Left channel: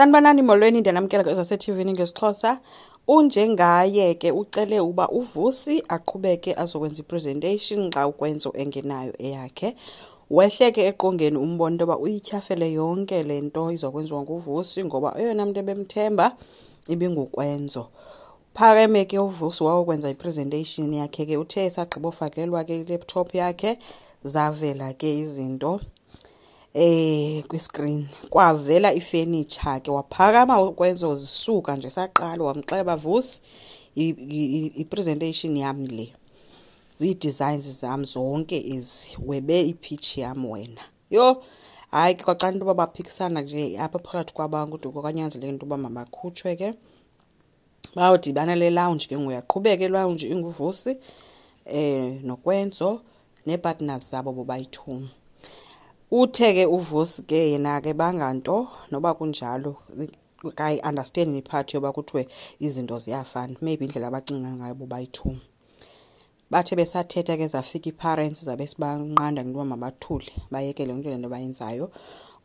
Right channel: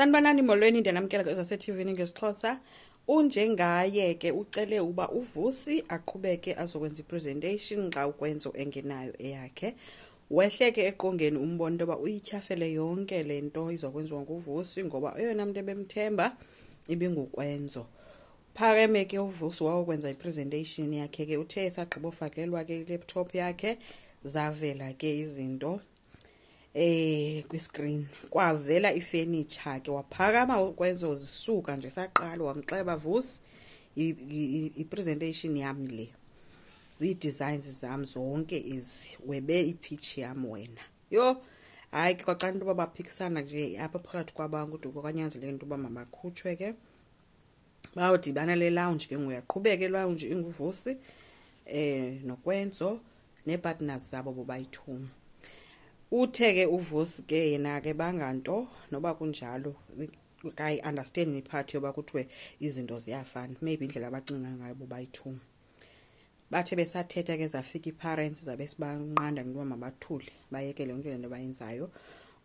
Sanibonani molweni ndanamkela kwezase-TV ngesixhosa. Unjengaye ke ucele uba uvusi aqhubeke azokwenza ipresentation xa ukwenzo engenayo eyakhe. Wehleke eqongeni umbona into yoba uyityhafele yonke le nto izokwenziwa nguvusi ngoba eyona mntu ebemthemba ibingukwenzo. Phakeme ke uvusi wawukwenza ipresentation yakhe ke uthe esagqiba ufakelwa ke i-laptop yakhe zavela ke izinto kwi-screen kwavela ifurniture ke waphakama ukwenzo zisuka nje saqala wamxela bavusi i-presentation yami le zi-designs zami zonke ezi webe i-pitch yam wena yo hayi ke kwaxa into baphikisana nje apha phakathi kwabantu kwanyanzeleka into mabakhutshwe ke bawudibana le lounge ke nguyaqhubeka e-lounge inguvusi nokwenzo nepartners zabo bobayi-2. Uthe ke uvusi ke yena ke banganto noba kunjalo kai understand iphathi yoba kuthiwe izinto ziyafana maybe indlela abacinga ngayo bobayi-2. Bathe besathetha ke zafika i-parents zabe sibanqanda into mabathule bayekele into lento bayenzayo.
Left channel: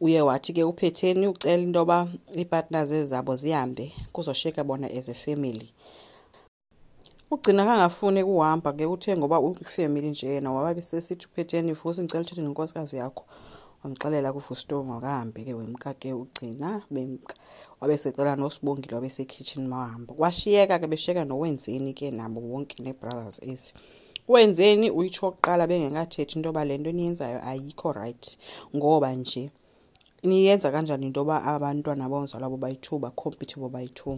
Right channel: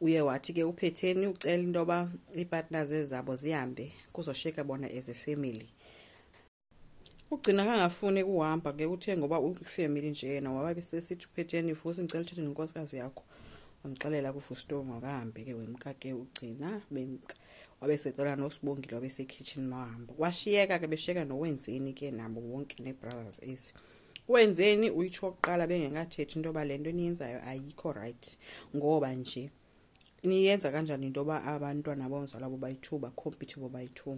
Uye wathi ke uphetheni ucela into yoba ipartners ezabo zihambe kuzoshiyeka bona as a family. Ugcina kangafuni ukuhamba ke uthe ngoba ufamily nje yena wababesesithi uphetheni vusi ngicela uthethe nenkosikazi yakho. Wamxelela kuvusi akahambe ke wemka ke ugcina bemka wabesecela noSibongile wabesekitchen mahamba kwashiyeka ke beshiyeka nowenzeni ke nabo wonke nebrothers ezi. Wenzeni uyitsho oqala bengekathethi into yoba lento niyenzayo ayikho right ngoba nje niyenza kanjani into yoba abantwana bonzalwa bobayi-2 bacompete bobayi-2.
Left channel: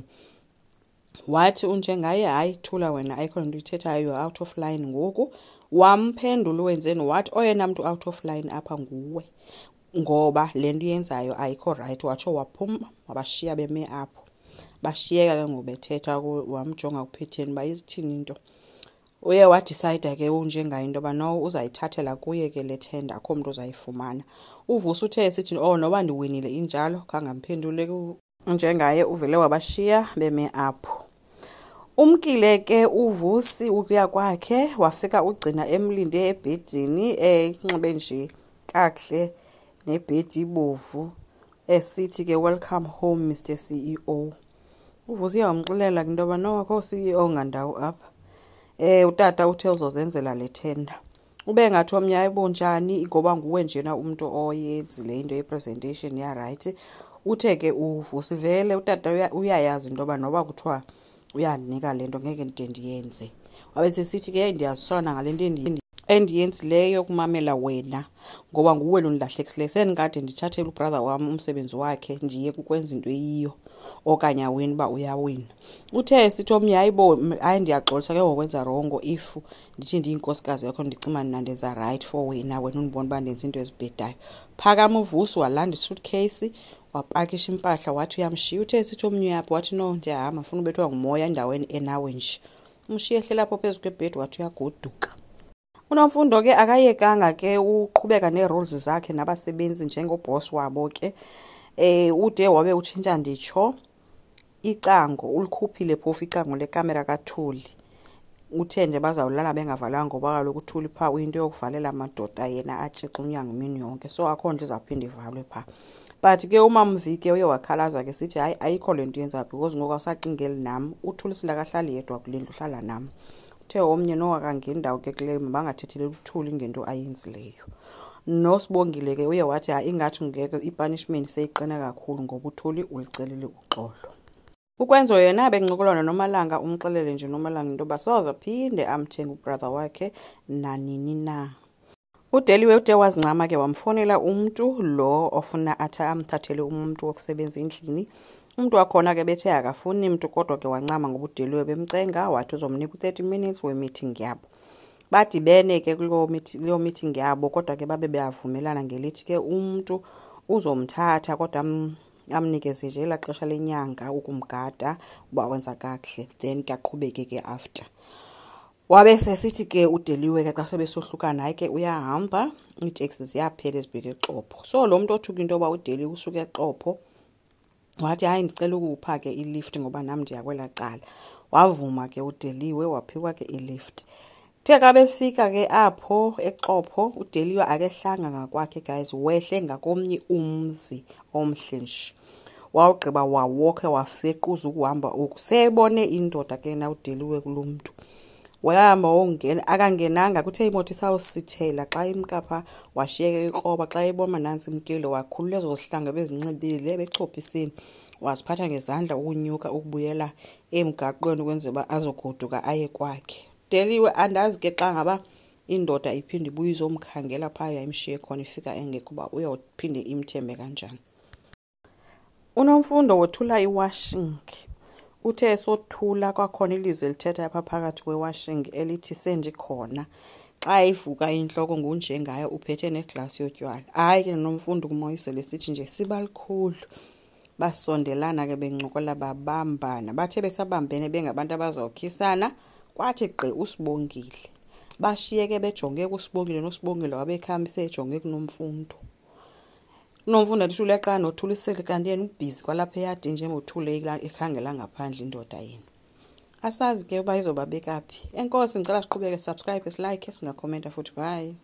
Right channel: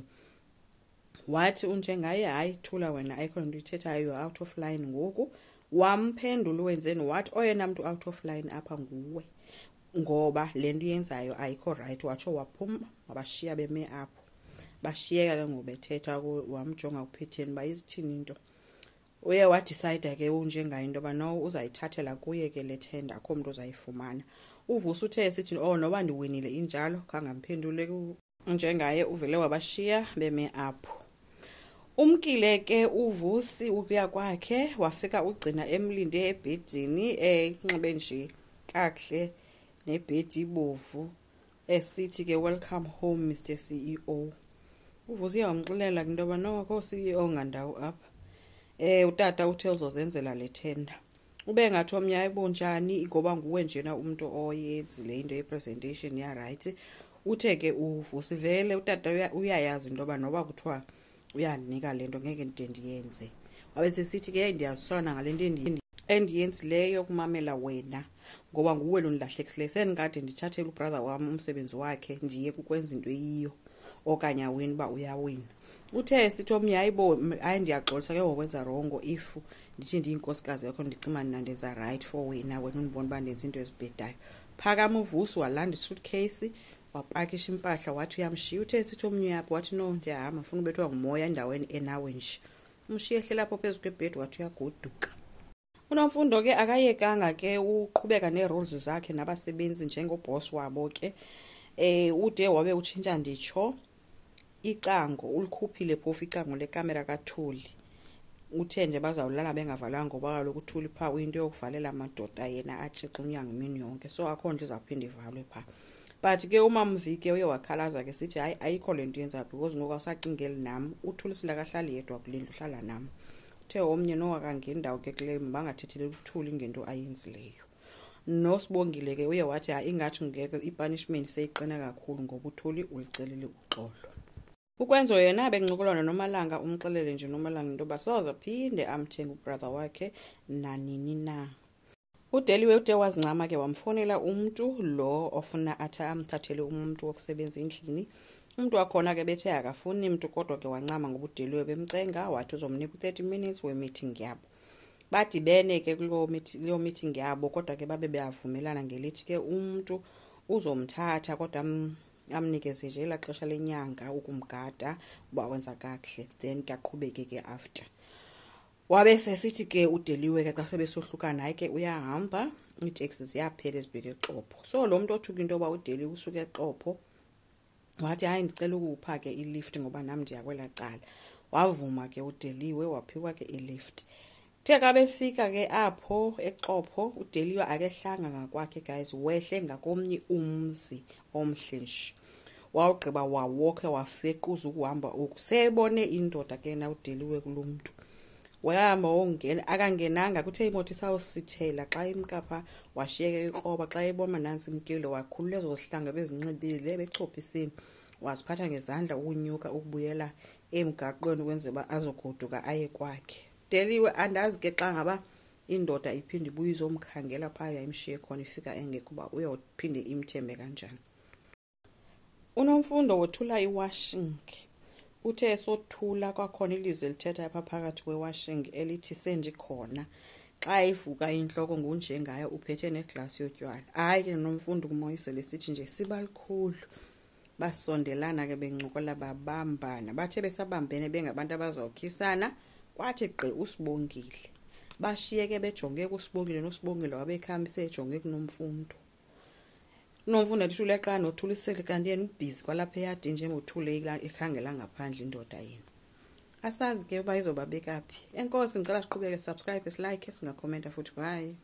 Wathi unjengaye hayi thula wena ayikho into uyithethayo you out of line ngoku. Wamphendula wenzeni wathi oyena mntu out of line apha nguwe ngoba lento uyenzayo ayikho right. Watsho waphuma wabashiya beme apho bashiyeka ke ngobethetha wamjonga uphetheni bayithini into. Uye wadecide ke unjengaye into yoba no uzayithathela kuye ke le tender akho mntu uzayifumana. Uvusi uthe esithi noba ndiwinile injalo kangamphendule unjengaye uvele wabashiya beme apho. Umkile ke uvusi ukuya kwakhe wafika ugcina emlinde ebhedini enxibe nje kakuhle nebhedi ibovu esithi ke welcome home Mr CEO. Uvusi uyamxelela into yoba no akho CEO ngandawo apha. Utata uthe uzozenzela le tender. Ube ngathi omnye ayibonjani ngoba nguwe njena umuntu oyenzile into yepresentation ya right. Uthe ke uvusi vele utata uyayazi into yoba noba kuthiwa uyandinika lento ngeke ndiyenze. Wabesesithi ke ndiyazisona ngalento endiyenzileyo kumamela wena ngoba nguwe lo ndilahlekisileyo sendikade ndithathele ubrother wami umsebenzi wakhe ndiye kukwenza into eyiyo okanye awini ba uyawina. Uthe sithi omnye hayibo hayi ndiyaxolisa ke ngokwenza wrong if ndithi ndiyinkosikazi yakho ndicima ndandenza right for wena undibona uba ndenza into ezibhedayo. Phakama uvusi walanda isuitcase wapakisha impahla wathi uyamshiya. Uthe sithi omnye yapho wathi no ndiyahamba ufuna ubethwa ngumoya endaweni enawe nje. Umshiye ehlela lapho phezu kwebhedi wathi uyagoduka. UNomfundo ke akayekanga ke uqhubeka neroles zakhe nabasebenzi njengoboss wabo ke ude wabe utshintsha nditsho icango ulikhuphile phofu icango lekamera kaThuli. Uthe nje bazawulala bengavalanga ngoba kaloku uThuli pha uyinto yokuvalela amadoda yena atshixa unyango imini yonke so akho nto izawuphinda ivalwe pha. But ke umamvike uye wakhalaza ke sithi hayi ayikho lento yenza because ngoku awusacingeli nam uThuli silakahlali yedwa kule ndlu uhlala nam. Uthe omnye nowakangeni ndawo ke kule bangathethelela uThuli ngento ayenzileyo. NoSibongile ke uye wathi hayi ingathi ngeke ipunishment seyiqina kakhulu ngoba uThuli ulicelile uxolo. Ukwenzo yena bengincokolana noMalanga umxelele nje noMalanga into yoba soza phinde amthenga ubrother wakhe nanini na. Udeliwe ude wazincama ke wamfonela umntu lo ofuna amthathele umuntu wokusebenza endlini. Umuntu wakhona ke bethe akafuni umuntu kodwa ke wancama ngoba udeliwe bemcenga wathi uzomnika u30 minutes we-meeting yabo. Badibene ke kulo meeting yabo kodwa ke babe beyavumelana ngelithi ke umuntu uzomthatha kodwa amnikeze nje la xesha lenyanga ukumgada uba wenza kakuhle then kaqhubeke ke after. Wabe sesithi ke udeliwe ke xa sebesohlukana hayi ke uyahamba itaxi ziyaphela ezibheke eXhopho. So lo muntu othuka into yoba udeliwe usuke eXhopho wathi hayi ndicela ukupha ke ilift ngoba nami ndiyakwela cala. Wavuma ke udeliwe waphiwa ke ilift. Theka befika ke apho eXhopho udeliwe akehlanga ngakwakhe guys wehle ngakomnye umzi omhle nje. wawugqiba wawokhe wafequza ukuhamba oku sebone indoda ke na udeliwe kulomuntu wahamba wongena akangenanga kuthe imoto isawusithela xa imkapha washiyeke ikroba xa eboma nansi imkile wakhulula ezohlanga bezinxibile bechophisini waziphatha ngezandla ukunyuka ukubuyela emgaqweni ukwenza ba azogoduka aye kwakhe deliwe andazi ke xa ngaba indoda iphinde ibuye izomkhangela phaya imshiye khona ifika engekho ba uyophinde imthembe kanjani. UNomfundo wothula iwashing uthe sothula kwakhona ilizwi lithetha apha phakathi kwewashing elithi sendikhona xa ivuka inhloko nguNjengaye uphethe neglasi yotywala. Hayi ke Nomfundo kumoyise lesithi nje siba likhulu basondelana ke bencokola babambana bathe besabambene bengabantu abazawukhisana kwathi gqi uSibongile bashiyeke bejonge kuSibongile noSibongile wabekhambise ejonge kuNomfundo. UNomfundo athule xa nothulisele kanti yena ubhizi kwalapha eyadini nje ngothule ekhangela ngaphandle indoda yena. Asazi ke uba izobabeka phi. Enkosi ngicela siqhubeke subscribe, like, singakhomenta futhi bye.